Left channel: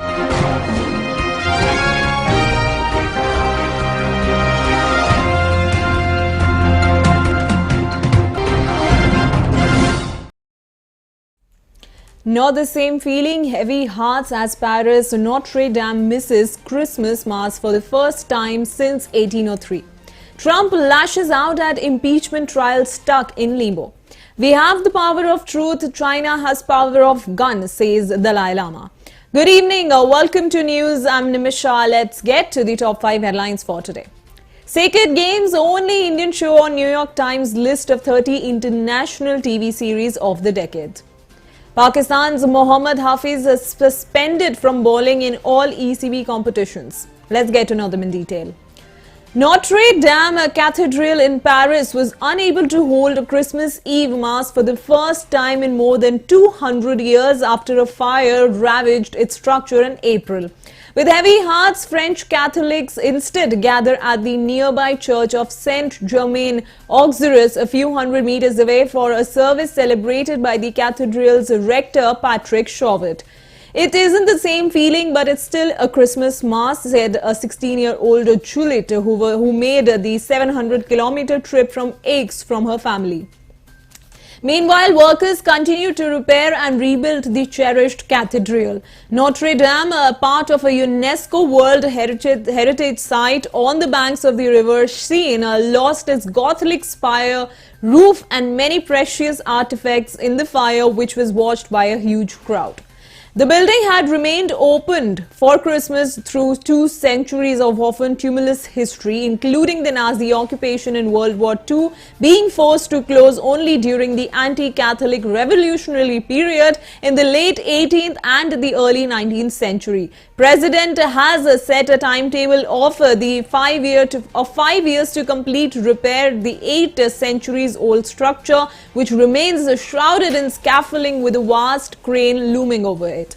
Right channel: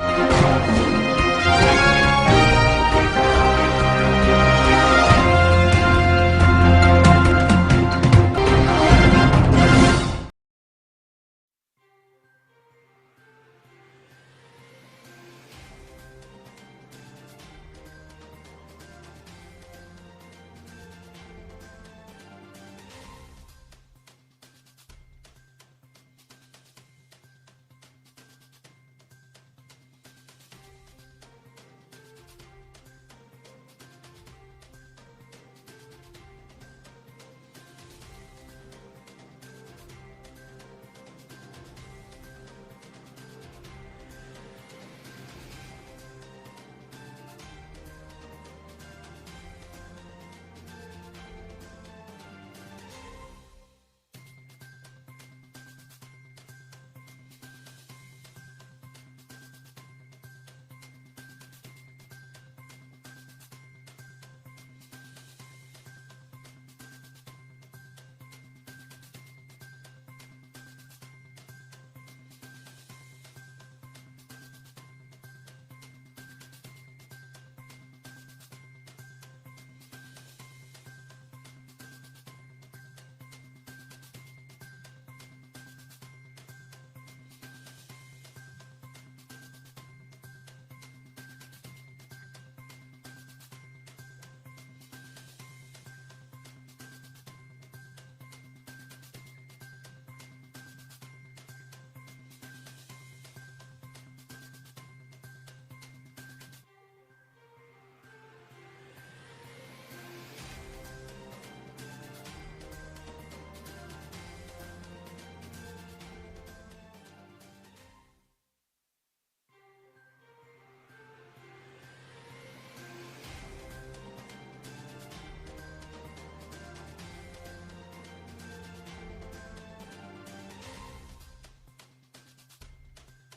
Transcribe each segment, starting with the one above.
Not the same feeling, heavy hearts as Paris Notre-Dame misses Christmas Mass for the first time since 1803. Trump lashes out at impeachment trial stuck in limbo. We have the power of truth, China has power of gun, says Dalai Lama. Good evening, welcome to NYOOOZ. I'm Nimisha. Let's get to the top 5 headlines for today. Sacred Games, only Indian show on New York Times list of 30 international TV series of the decade. Pakistan's Mohammad Hafeez is suspended from bowling in all ECB competitions. Let's get to know them in detail. Notre-Dame Cathedral in Paris was unable to hold a Christmas Eve Mass for the first time in more than 200 years after a fire ravaged its structure in April. With heavy hearts, French Catholics instead gather at the nearby church of Saint-Germain-Auxerrois a few hundred meters away for a service celebrated by the cathedral's rector, Patrick Chauvet. It isn't the same feeling, but it's still a Christmas Mass, said a 16-year-old Juliet who made the 700-kilometer trip from Aix from her family. Meanwhile, workers continue to repair and rebuild the cherished cathedral. Notre-Dame, part of a UNESCO World Heritage Site on the banks of the river Seine, lost its Gothic spire, roof and many precious artifacts in the fire, which was watched by a huge crowd. The building had remained opened for Christmas through 2 centuries of often tumultuous history, including the Nazi occupation in World War II, being forced to close only during the anti-Catholic revolutionary period in the late 18th and the early 19th century. President has set a timetable of 5 years to complete repair the 8 centuries old structure, which remains shrouded in scaffolding with a vast crane looming over it.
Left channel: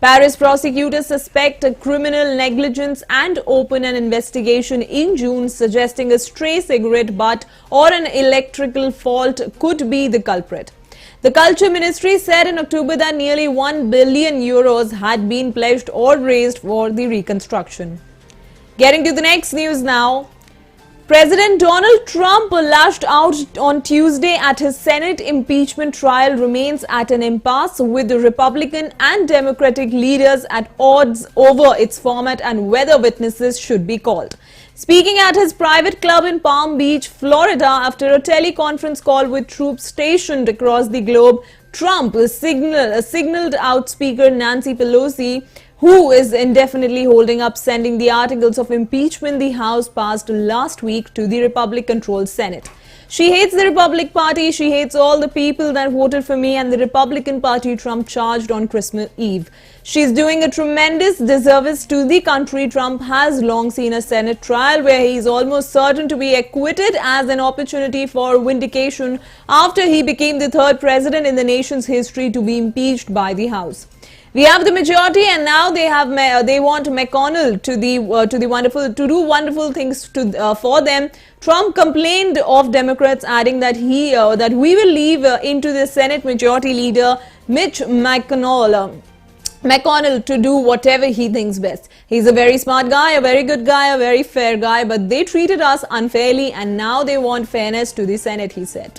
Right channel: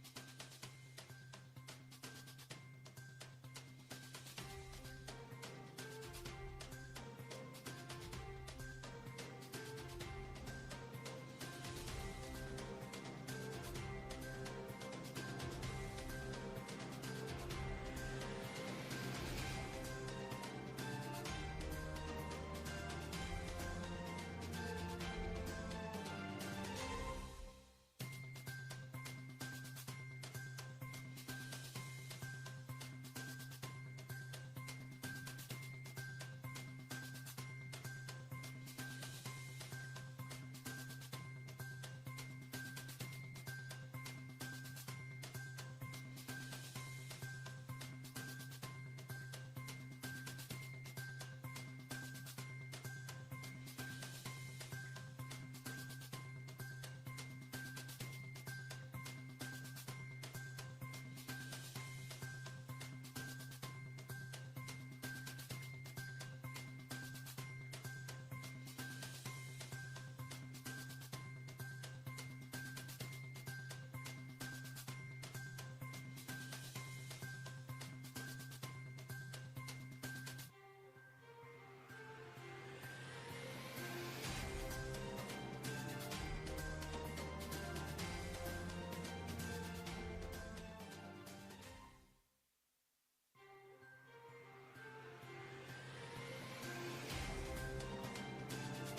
Paris prosecutors suspect criminal negligence and open an investigation in June, suggesting a stray cigarette butt or an electrical fault could be the culprit. The Culture Ministry said in October that nearly €1 billion had been pledged or raised for the reconstruction. Getting to the next news now. President Donald Trump lashed out on Tuesday at his Senate impeachment trial remains at an impasse, with the Republican and Democratic leaders at odds over its format and whether witnesses should be called. Speaking at his private club in Palm Beach, Florida, after a teleconference call with troops stationed across the globe, Trump signaled out Speaker Nancy Pelosi, who is indefinitely holding up sending the articles of impeachment the House passed last week to the Republican-controlled Senate. She hates the Republican Party, she hates all the people that voted for me and the Republican Party, Trump charged on Christmas Eve. She's doing a tremendous disservice to the country. Trump has long seen a Senate trial where he is almost certain to be acquitted as an opportunity for vindication after he became the 3rd president in the nation's history to be impeached by the House. We have the majority, and now they want McConnell to do wonderful things for them. Trump complained of Democrats, adding that we will leave into the Senate Majority Leader Mitch McConnell to do whatever he thinks best. He's a very smart guy, a very good guy, a very fair guy, but they treated us unfairly and now they want fairness to the Senate, he said.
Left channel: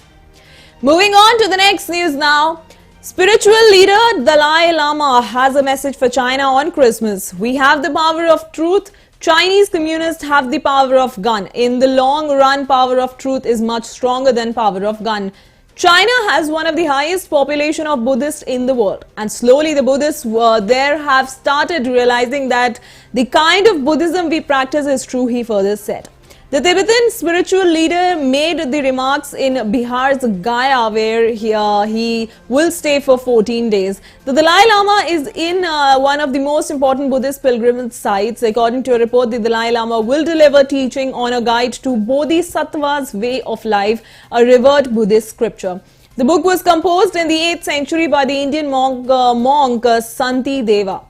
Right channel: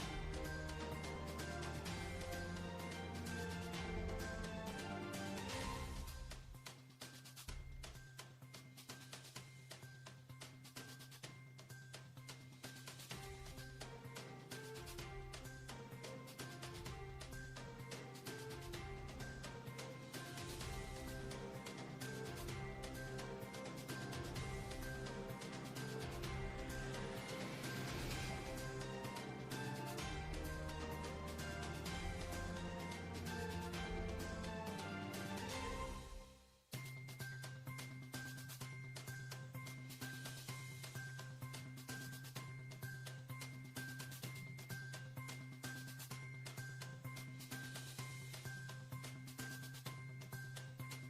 Moving on to the next news now. Spiritual leader Dalai Lama has a message for China on Christmas. We have the power of truth. Chinese communists have the power of gun. In the long run, power of truth is much stronger than power of gun. China has one of the highest population of Buddhists in the world, and slowly the Buddhists there have started realizing that the kind of Buddhism we practice is true, he further said. The Tibetan spiritual leader made the remarks in Bihar's Gaya, where he will stay for 14 days. The Dalai Lama is in one of the most important Buddhist pilgrimage sites. According to a report, the Dalai Lama will deliver teaching on a guide to Bodhisattva's way of life, a revered Buddhist scripture. The book was composed in the 8th century by the Indian monk Santi Deva.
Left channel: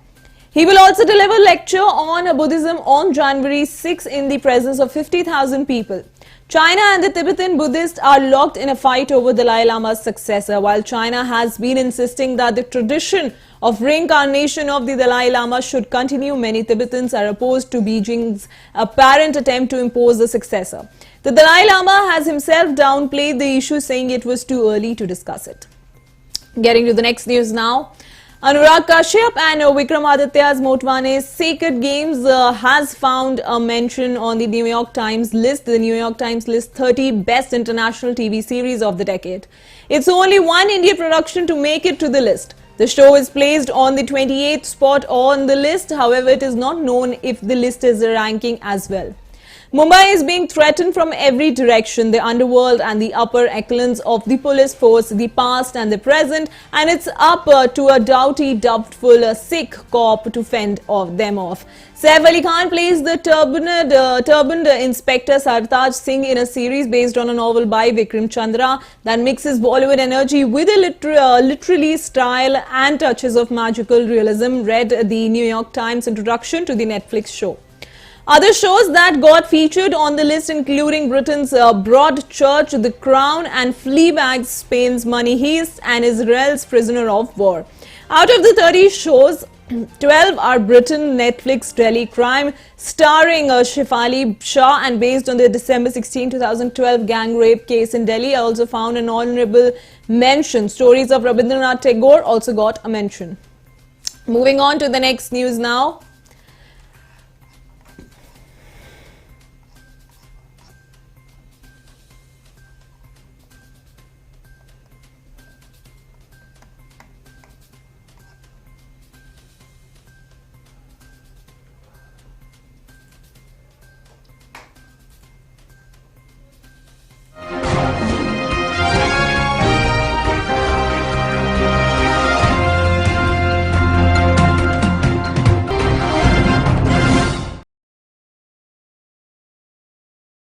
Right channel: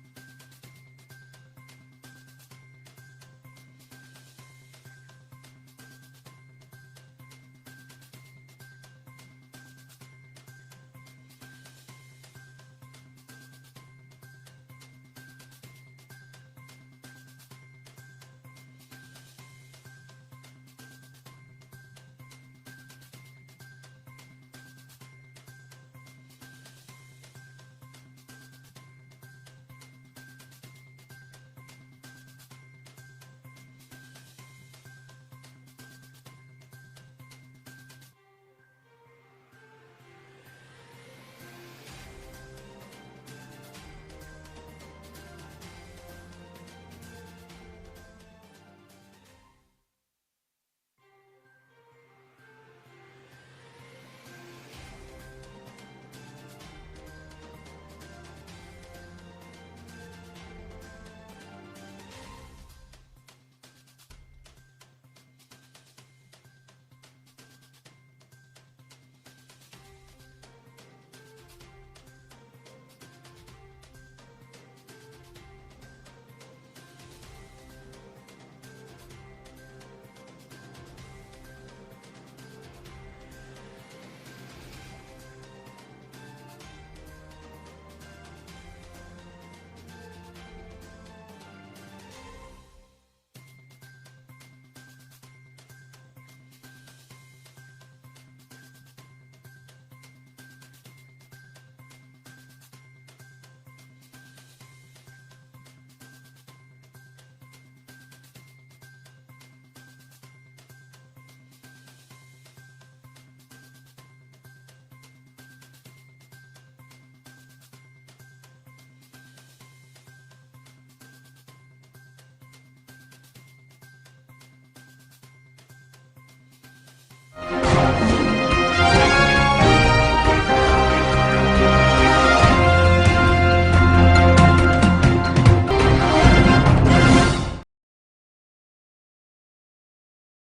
He will also deliver a lecture on Buddhism on January 6 in the presence of 50,000 people. China and the Tibetan Buddhists are locked in a fight over Dalai Lama's successor. While China has been insisting that the tradition of reincarnation of the Dalai Lama should continue, many Tibetans are opposed to Beijing's apparent attempt to impose the successor. The Dalai Lama has himself downplayed the issue, saying it was too early to discuss it. Getting to the next news now. Anurag Kashyap and Vikramaditya's Motwane Sacred Games has found a mention on the New York Times list. The New York Times lists 30 best international TV series of the decade. It's only one Indian production to make it to the list. The show is placed on the 28th spot on the list. However, it is not known if the list is ranking as well. Mumbai is being threatened from every direction, the underworld and the upper echelons of the police force, the past and the present, and it's up to a doughty, doubtful Sikh cop to fend them off. Saif Ali Khan plays the turbaned Inspector Sartaj Singh in a series based on a novel by Vikram Chandra that mixes Bollywood energy with a literary style and touches of magical realism, read the New York Times introduction to the Netflix show. Other shows that got featured on the list including Britain's Broadchurch, The Crown and Fleabag, Spain's Money Heist and Israel's Prisoner of War. Out of the 30 shows, 12 are Britain Netflix Delhi Crime, starring Shefali Shah and based on the December 16, 2012 gang rape case in Delhi. I also found an honorable mention. Stories of Rabindranath Tagore also got a mention. Moving on to the next news now.